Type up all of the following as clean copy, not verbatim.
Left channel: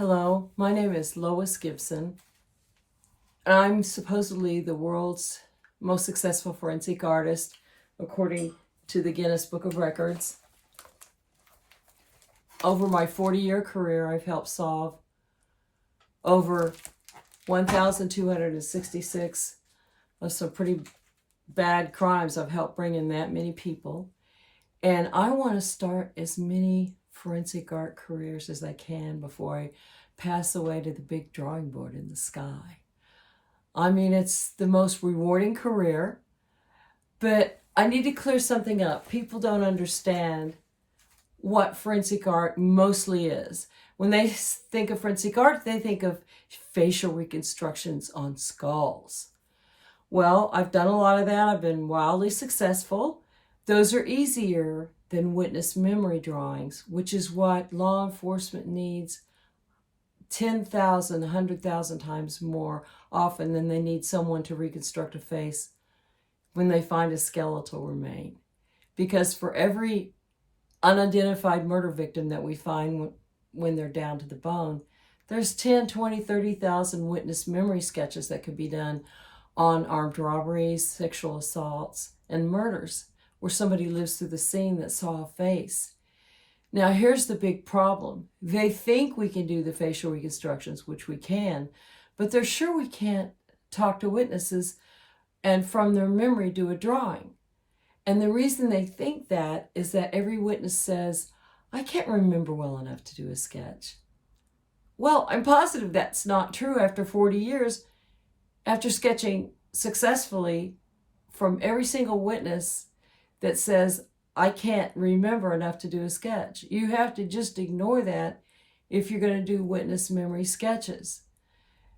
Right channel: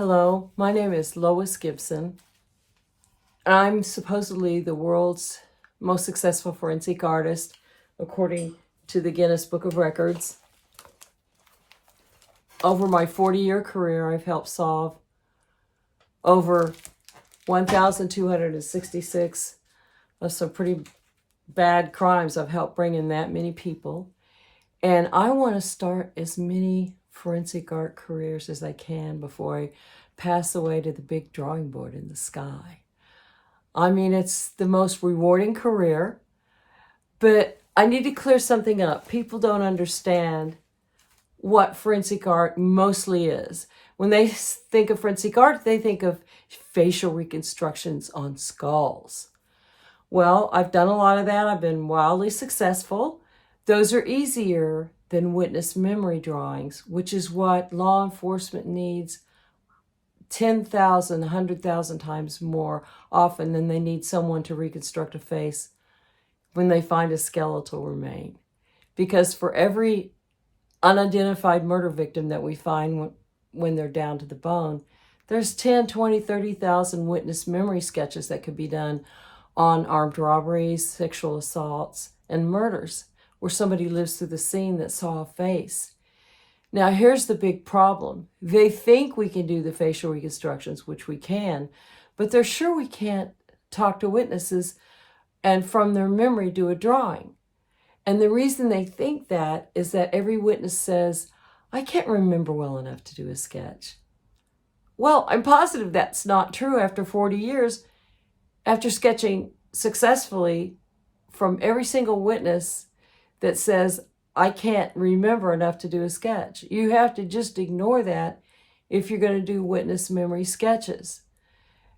Hello, my name is Lois Gibson. I'm supposedly the world's most successful forensic artist, according to the Guinness Book of Records. Over my 40-year career, I've helped solve over 1,266 of some pretty bad crimes. I've helped bring in that many people. And I want to start as many forensic art careers as I can before I pass away to the big drawing board in the sky. I mean, it's the most rewarding career, but I need to clear something up. People don't understand what forensic art mostly is. When they think of forensic art, they think of facial reconstructions on skulls. Well, I've done a lot of that. I've been wildly successful. Those are easier than witness memory drawings, which is what law enforcement needs 10,000, 100,000 times more often than they need someone to reconstruct a face when they find a skeletal remain. Because for every unidentified murder victim that we find when they're down to the bone, there's 10, 20, 30,000 witness memory sketches that could be done on armed robberies, sexual assaults, and murders, where somebody lives through the scene that saw a face. Now, here's the big problem. They think we can do the facial reconstructions, which we can, but they're sure we can't talk to witnesses and from their memory do a drawing. And the reason they think that is that every witness says, I can't remember well enough to do a sketch. Well, I'm positive that's not true after 40 years, after sketching successfully from every single witness that says, I can't remember enough to do a sketch. You have to just ignore that if you're going to do witness memory sketches.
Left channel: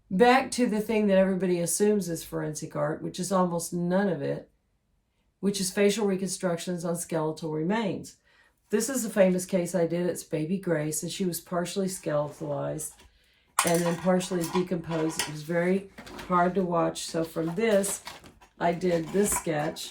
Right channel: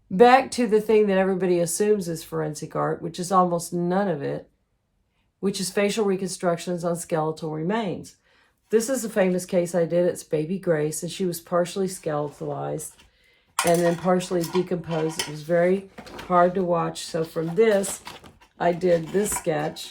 Back to the thing that everybody assumes is forensic art, which is almost none of it, which is facial reconstructions on skeletal remains. This is a famous case I did. It's Baby Grace, and she was partially skeletalized and then partially decomposed. It was very hard to watch. So from this, I did this sketch.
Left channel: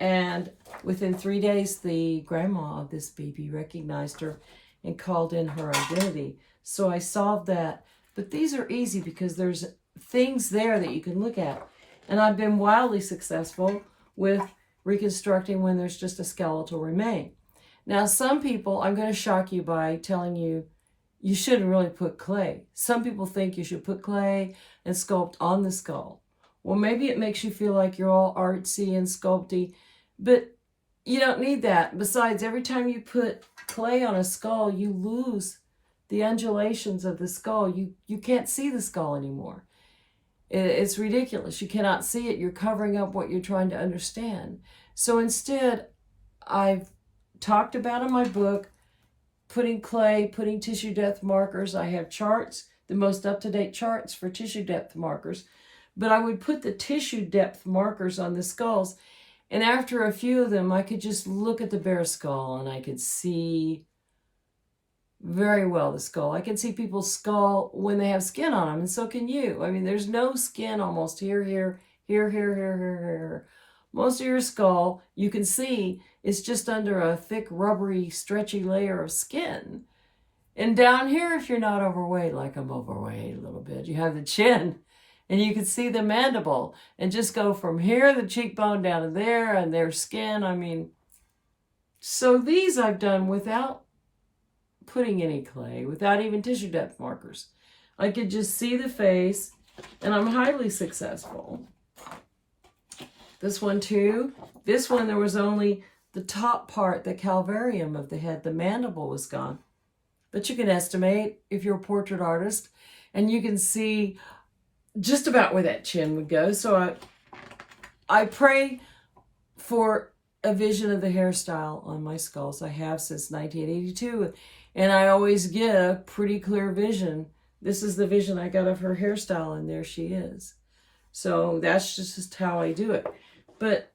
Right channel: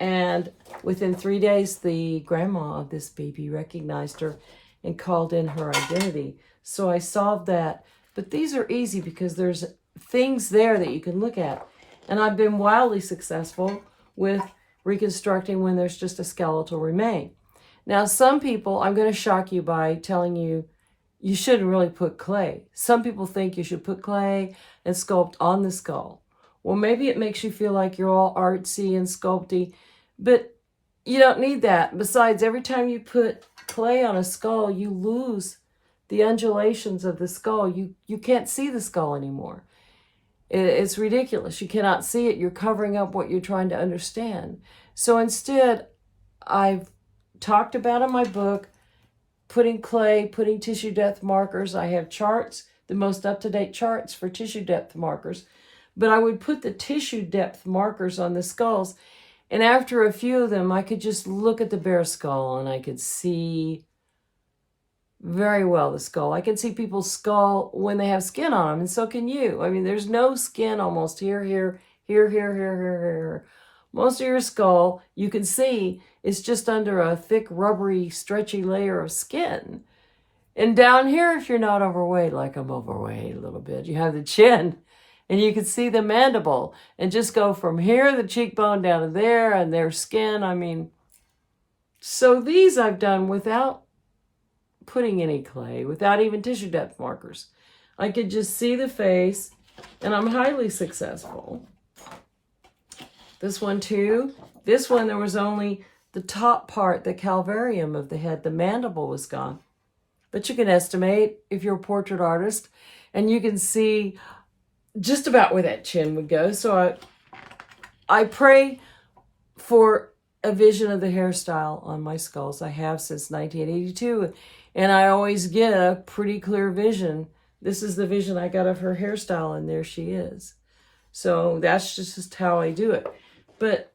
And within 3 days, the grandma of this baby recognized her and called in her identity. So I solved that. But these are easy because there's things there that you can look at. And I've been wildly successful with reconstructing when there's just a skeletal remain. Now, some people, I'm going to shock you by telling you, you shouldn't really put clay. Some people think you should put clay and sculpt on the skull. Well, maybe it makes you feel like you're all artsy and sculpty, but you don't need that. Besides, every time you put clay on a skull, you lose the undulations of the skull. You can't see the skull anymore. It's ridiculous. You cannot see it. You're covering up what you're trying to understand. So instead, I've talked about in my book, putting clay, putting tissue depth markers. I have charts, the most up-to-date charts for tissue depth markers. But I would put the tissue depth markers on the skulls. And after a few of them, I could just look at the bare skull and I could see very well the skull. I can see people's skull when they have skin on them, and so can you. I mean, there's no skin almost here. Most of your skull, you can see, is just under a thick, rubbery, stretchy layer of skin. And down here, if you're not overweight, like I'm overweight a little bit, you have the chin. And you can see the mandible and just go from here, the cheekbone, down to there, and their skin. I mean, so these I've done without putting any clay, without even tissue depth markers. I could just see the face, and I'm highly successful. This one too. This one, there was only the top part, the calvarium of the head. The mandible was gone. But you can estimate if you're a portrait artist, and you can see just about where that chin would go. So I pray for a vision of the hairstyle on my skulls. I have since 1982, and I always get a pretty clear vision. This is the vision I got of her hairstyle, and there she is. So that's just how I do it. But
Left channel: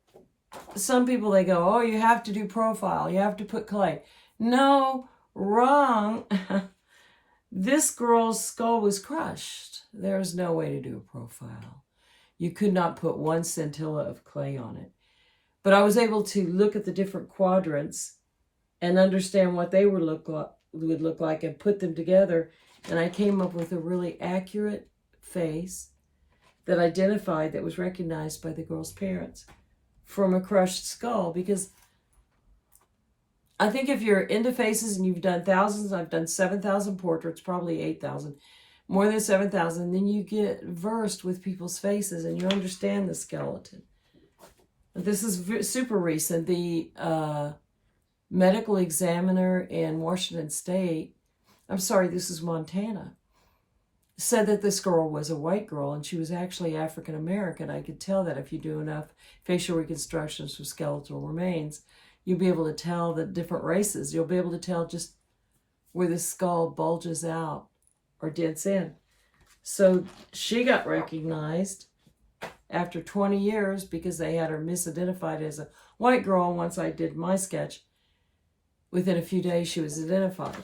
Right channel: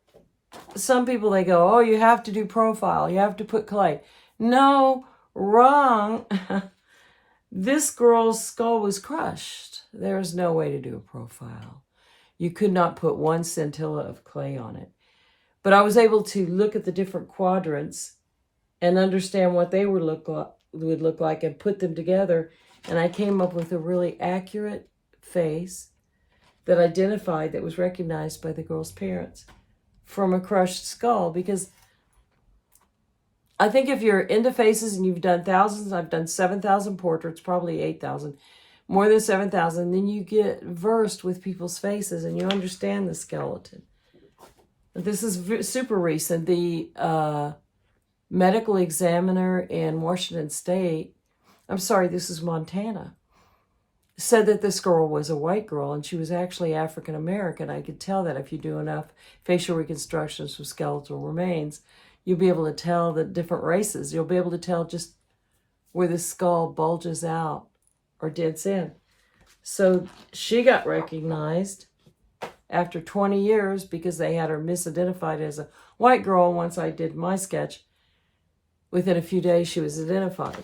some people, they go, oh, you have to do profile. You have to put clay. No, wrong. This girl's skull was crushed. There's no way to do a profile. You could not put one scintilla of clay on it. But I was able to look at the different quadrants and understand what they would look like and put them together And I came up with a really accurate face that identified, that was recognized by the girl's parents from a crushed skull. Because I think if you're into faces and you've done thousands, I've done 7,000 portraits, probably 8,000, more than 7,000, then you get versed with people's faces and you understand the skeleton. But this is super recent. The medical examiner in Washington State, I'm sorry, this is Montana, said that this girl was a white girl and she was actually African American. I could tell that if you do enough facial reconstructions with skeletal remains, you'll be able to tell the different races. You'll be able to tell just where the skull bulges out or dents in. So she got recognized after 20 years because they had her misidentified as a white girl. And once I did my sketch, within a few days she was identified.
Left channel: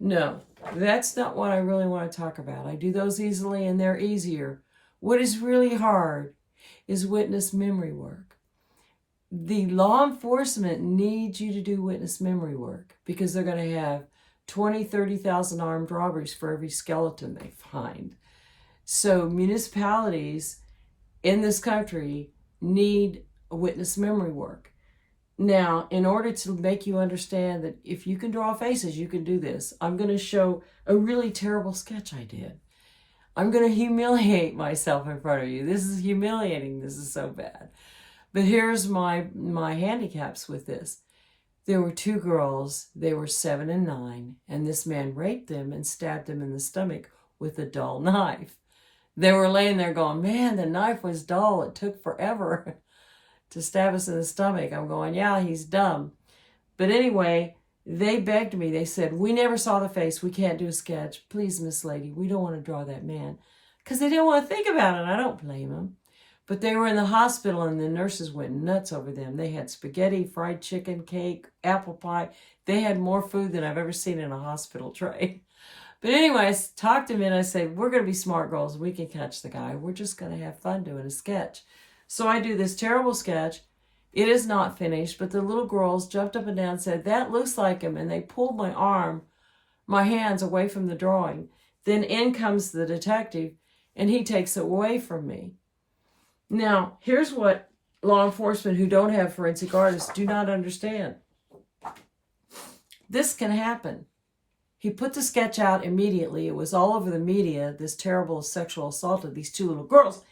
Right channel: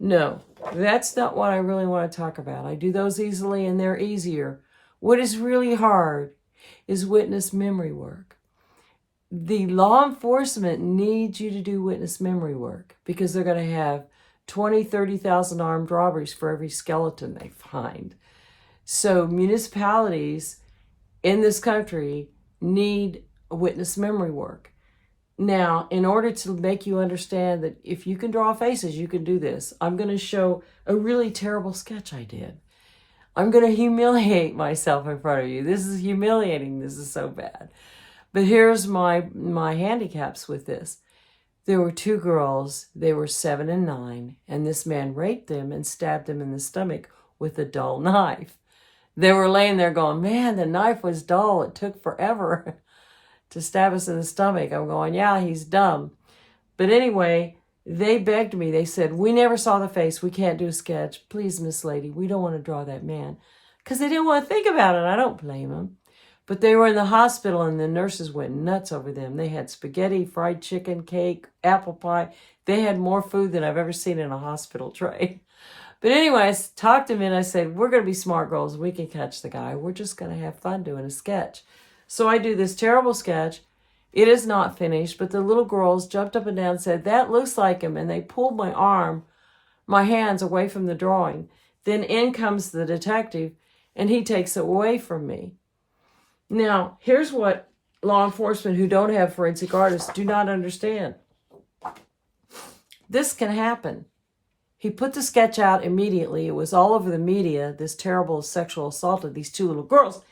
No, that's not what I really want to talk about. I do those easily and they're easier. What is really hard is witness memory work. The law enforcement needs you to do witness memory work because they're going to have 20, 30,000 armed robberies for every skeleton they find. So municipalities in this country need witness memory work. Now, in order to make you understand that if you can draw faces, you can do this, I'm going to show a really terrible sketch I did. I'm going to humiliate myself in front of you. This is humiliating. This is so bad. But here's my handicaps with this. There were two girls. They were 7 and 9. And this man raped them and stabbed them in the stomach with a dull knife. They were laying there going, man, the knife was dull. It took forever to stab us in the stomach. I'm going, yeah, he's dumb. But anyway, they begged me. They said, we never saw the face. We can't do a sketch. Please, Miss Lady, we don't want to draw that man. Because they didn't want to think about it. I don't blame them. But they were in the hospital and the nurses went nuts over them. They had spaghetti, fried chicken, cake, apple pie. They had more food than I've ever seen in a hospital tray. But anyway, I talked to them and I said, we're going to be smart girls. We can catch the guy. We're just going to have fun doing a sketch. So I do this terrible sketch. It is not finished, but the little girls jumped up and down and said, that looks like him. And they pulled my hands away from the drawing. Then in comes the detective and he takes it away from me. Now, here's what law enforcement who don't have forensic artists do not understand. This can happen. He put the sketch out immediately. It was all over the media, this terrible sexual assault of these two little girls.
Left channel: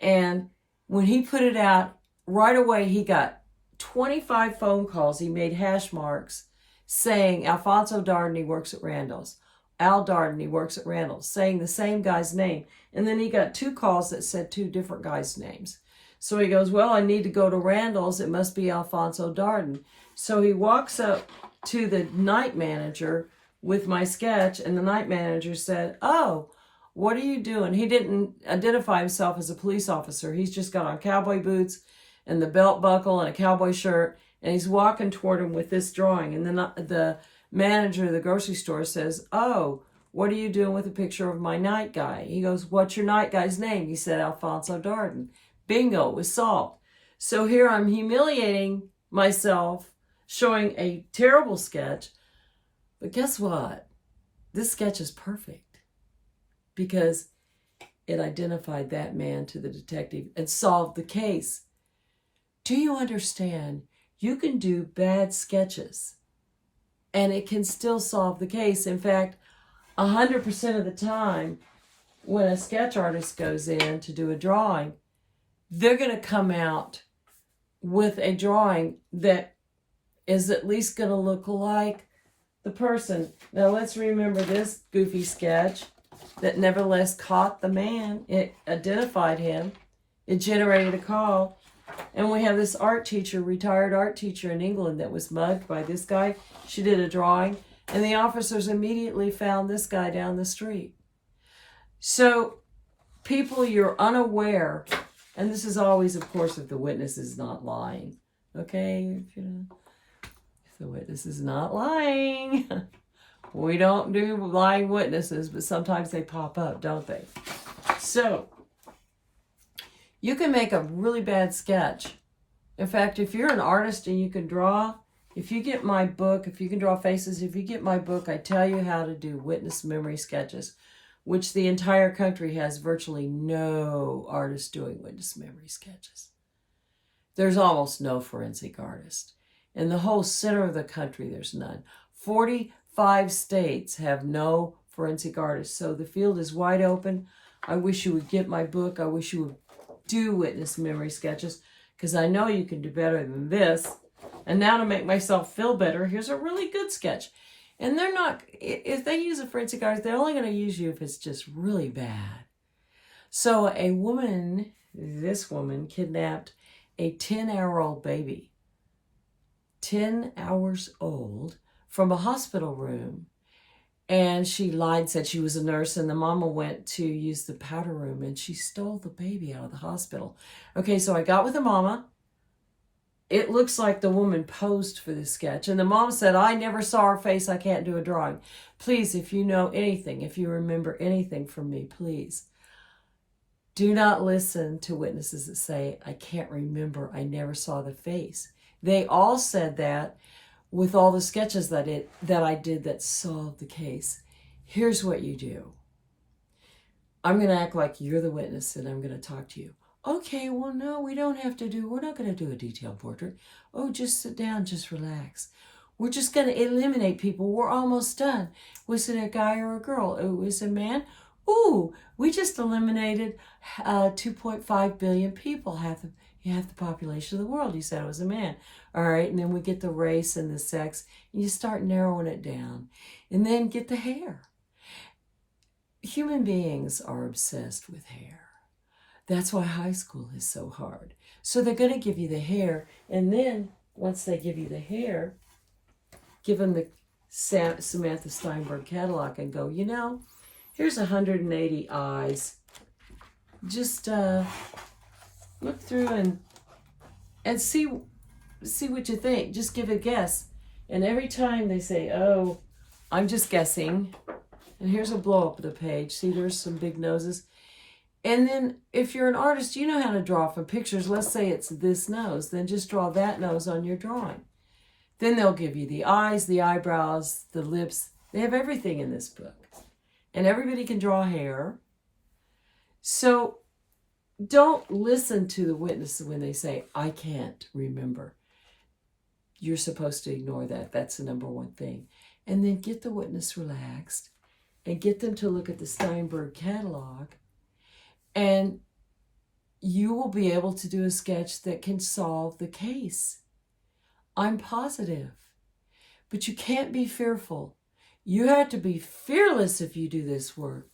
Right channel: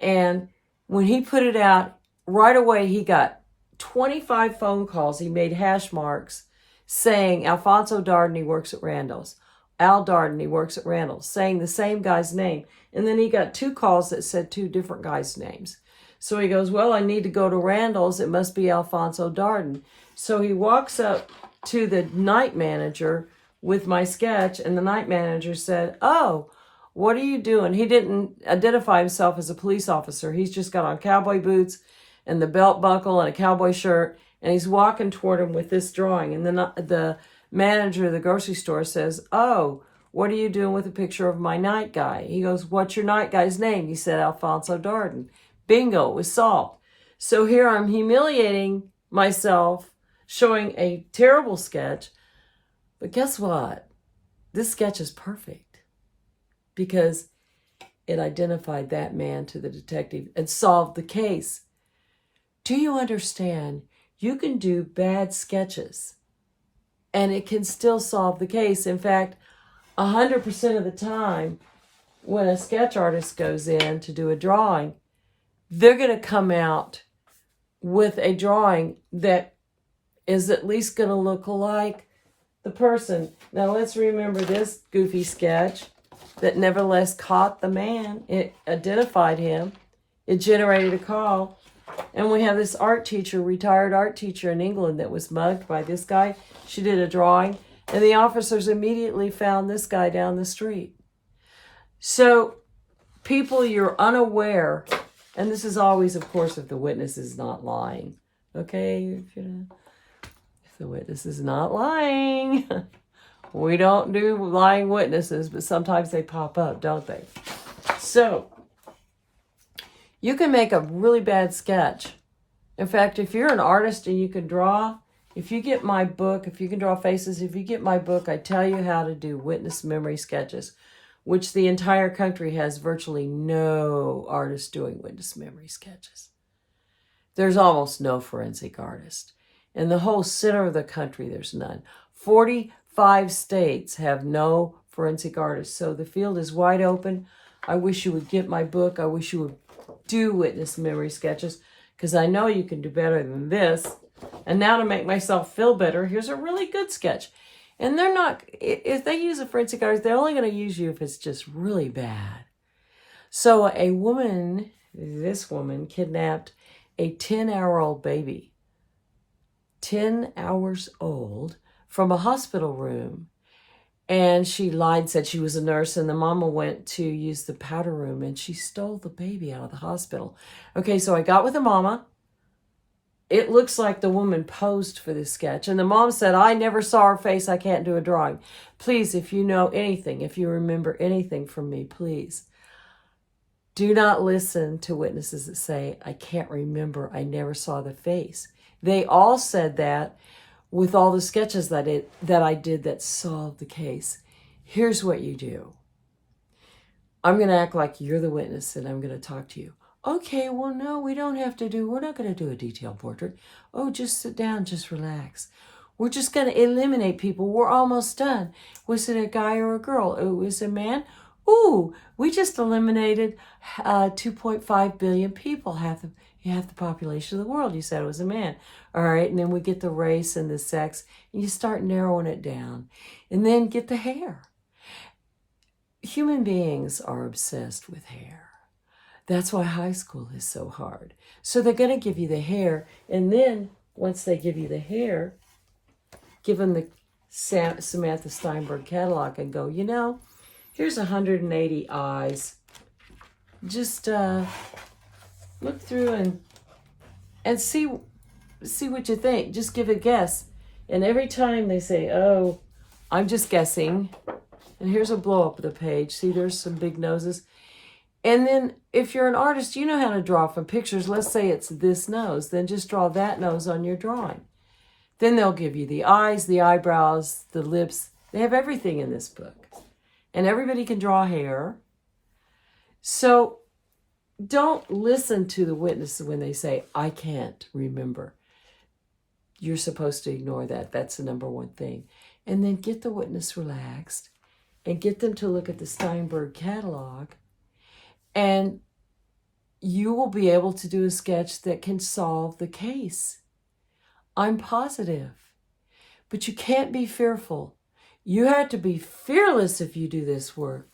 And when he put it out, right away he got 25 phone calls. He made hash marks saying Alfonso Darden, he works at Randall's. Al Darden, he works at Randall's, saying the same guy's name. And then he got 2 calls that said 2 different guys' names. So he goes, well, I need to go to Randall's. It must be Alfonso Darden. So he walks up to the night manager with my sketch, and the night manager said, oh, what are you doing? He didn't identify himself as a police officer. He's just got on cowboy boots and the belt buckle and a cowboy shirt, and he's walking toward him with this drawing. And then the manager of the grocery store says, oh, what are you doing with a picture of my night guy? He goes, what's your night guy's name? He said, Alfonso Darden. Bingo, it was solved. So here I'm humiliating myself, showing a terrible sketch. But guess what? This sketch is perfect because it identified that man to the detective and solved the case. Do you understand? You can do bad sketches and it can still solve the case. In fact, 100% of the time, when a sketch artist goes in to do a drawing, they're going to come out with a drawing that is at least going to look like the person. Now, let's remember this goofy sketch that nevertheless caught the man. It identified him. It generated a call. And we have this art teacher, retired art teacher in England that was mugged by this guy. She did a drawing. And the officers immediately found this guy down the street. So, people, you're unaware, and this is always, of course, if the witness is not lying. Okay? If the witness is not lying. We don't do lying witnesses, but sometimes they pop up, don't they? So, you can make a really bad sketch. In fact, if you're an artist and you can draw, If you get my book, if you can draw faces, if you get my book, I tell you how to do witness memory sketches, which the entire country has virtually no artists doing witness memory sketches. There's almost no forensic artist. In the whole center of the country, there's none. 45 states have no forensic artists. So the field is wide open. I wish you would get my book. I wish you would do witness memory sketches, because I know you can do better than this. And now to make myself feel better, here's a really good sketch. And they're not, if they use a forensic artist, they're only going to use you if it's just really bad. So a woman, this woman, kidnapped a 10-hour-old baby, 10 hours old, from a hospital room. And she lied, said she was a nurse, and the mama went to use the powder room, and she stole the baby out of the hospital. Okay, so I got with the mama. It looks like the woman posed for this sketch. And the mom said, I never saw her face. I can't do a drawing. Please, if you know anything, if you remember anything from me, please do not listen to witnesses that say, I can't remember. I never saw the face. They all said that with all the sketches that I did that solved the case. Here's what you do. I'm going to act like you're the witness and I'm going to talk to you. Okay, well, no, we're not going to do a detailed portrait. Oh, just sit down, just relax. We're just going to eliminate people. We're almost done. Was it a guy or a girl? Oh, was it a man? Ooh, we just eliminated 2.5 billion people, half the population of the world. You said it was a man. All right, and then we get the race and the sex, and you start narrowing it down. And then get the hair. Human beings are obsessed with hair. That's why high school is so hard. So they're going to give you the hair, and then once they give you the hair, give them the Samantha Steinberg catalog and go, here's 180 eyes. Just look through and see what you think. Just give a guess. And every time they say, oh, I'm just guessing, and here's a blow up of the page. See, there's some big noses. And then if you're an artist, you know how to draw from pictures. Let's say it's this nose. Then just draw that nose on your drawing. Then they'll give you the eyes, the eyebrows, the lips. They have everything in this book. And everybody can draw hair. So don't listen to the witness when they say, I can't remember. You're supposed to ignore that. That's the number one thing. And then get the witness relaxed and get them to look at the Steinberg catalog. And you will be able to do a sketch that can solve the case. I'm positive. But you can't be fearful. You have to be fearless if you do this work.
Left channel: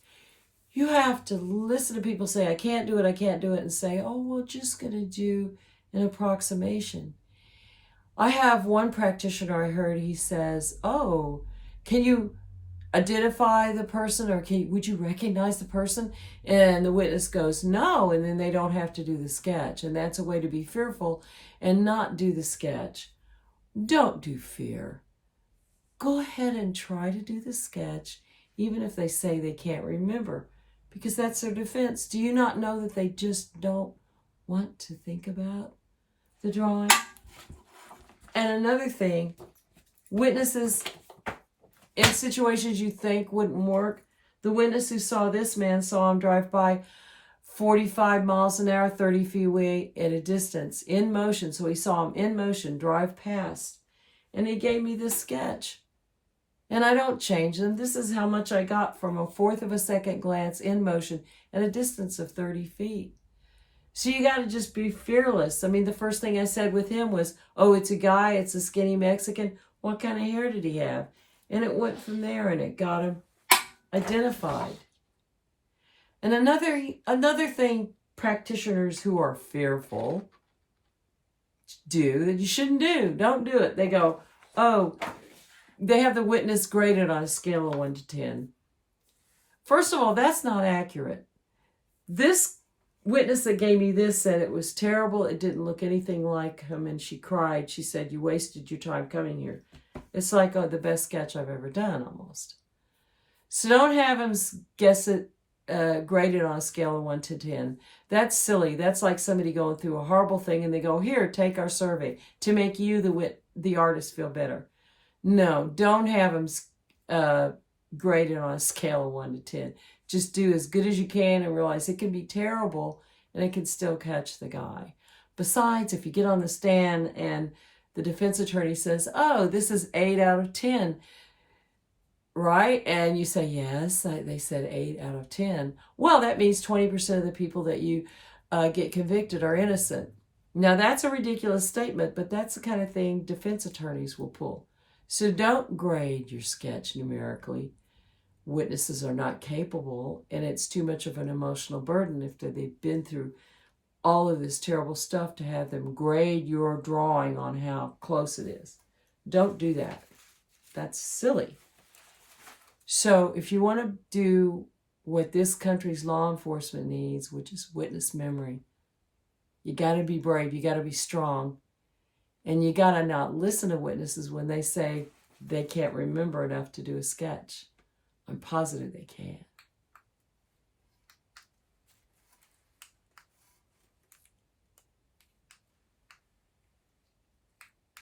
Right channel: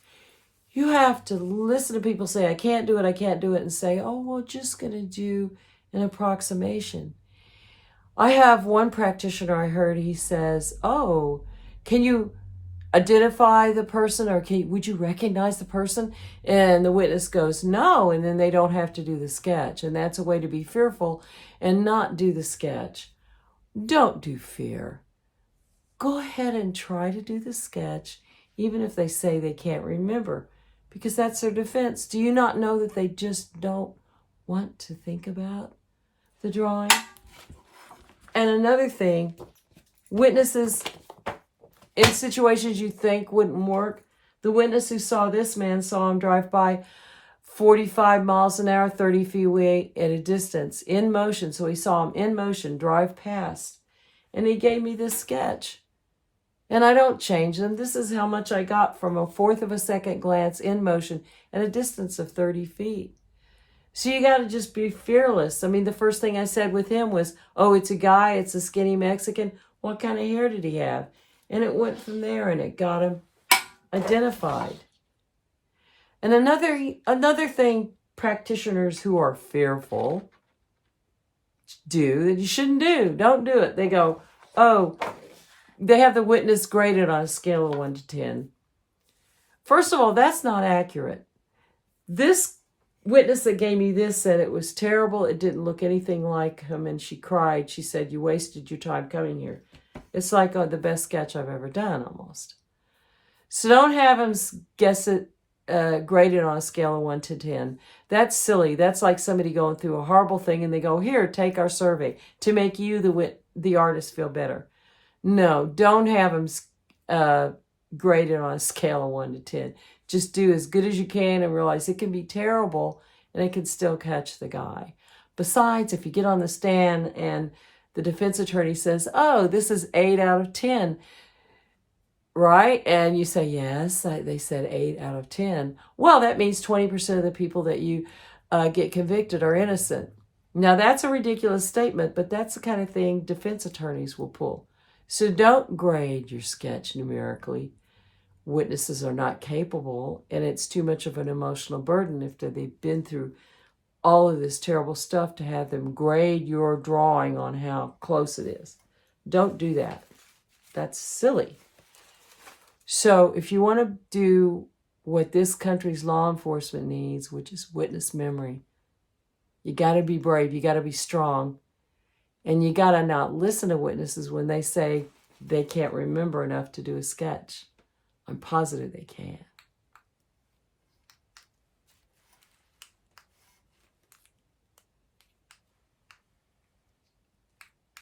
You have to listen to people say, I can't do it, and say, oh, we're just going to do an approximation. I have one practitioner I heard, he says, oh, can you identify the person, or would you recognize the person? And the witness goes, no, and then they don't have to do the sketch. And that's a way to be fearful and not do the sketch. Don't do fear. Go ahead and try to do the sketch, even if they say they can't remember, because that's their defense. Do you not know that they just don't want to think about the drawing? And another thing, witnesses in situations you think wouldn't work. The witness who saw this man saw him drive by 45 miles an hour, 30 feet away at a distance, in motion. So he saw him in motion, drive past. And he gave me this sketch. And I don't change them. This is how much I got from 1/4 of a second glance in motion at a distance of 30 feet. So you got to just be fearless. I mean, the first thing I said with him was, oh, it's a guy, it's a skinny Mexican. What kind of hair did he have? And it went from there, and it got him identified. And another thing practitioners who are fearful do that you shouldn't do, don't do it. They go, oh, they have the witness graded on a scale of 1 to 10. First of all, that's not accurate. This witness that gave me this said it was terrible. It didn't look anything like him, and she cried. She said, you wasted your time coming here. It's like the best sketch I've ever done, almost. So don't have them guess it, graded on a scale of 1 to 10. That's silly. That's like somebody going through a horrible thing, and they go, here, take our survey to make you the the artist feel better. No, don't have them graded on a scale of 1 to 10. Just do as good as you can and realize it can be terrible and it can still catch the guy. Besides, if you get on the stand and the defense attorney says, oh, this is 8 out of 10, right? And you say, yes, they said 8 out of 10. Well, that means 20% of the people that you get convicted are innocent. Now, that's a ridiculous statement, but that's the kind of thing defense attorneys will pull. So don't grade your sketch numerically. Witnesses are not capable, and it's too much of an emotional burden if they've been through all of this terrible stuff to have them grade your drawing on how close it is. Don't do that. That's silly. So if you want to do what this country's law enforcement needs, which is witness memory, you got to be brave. You got to be strong. And you got to not listen to witnesses when they say they can't remember enough to do a sketch. I'm positive they can.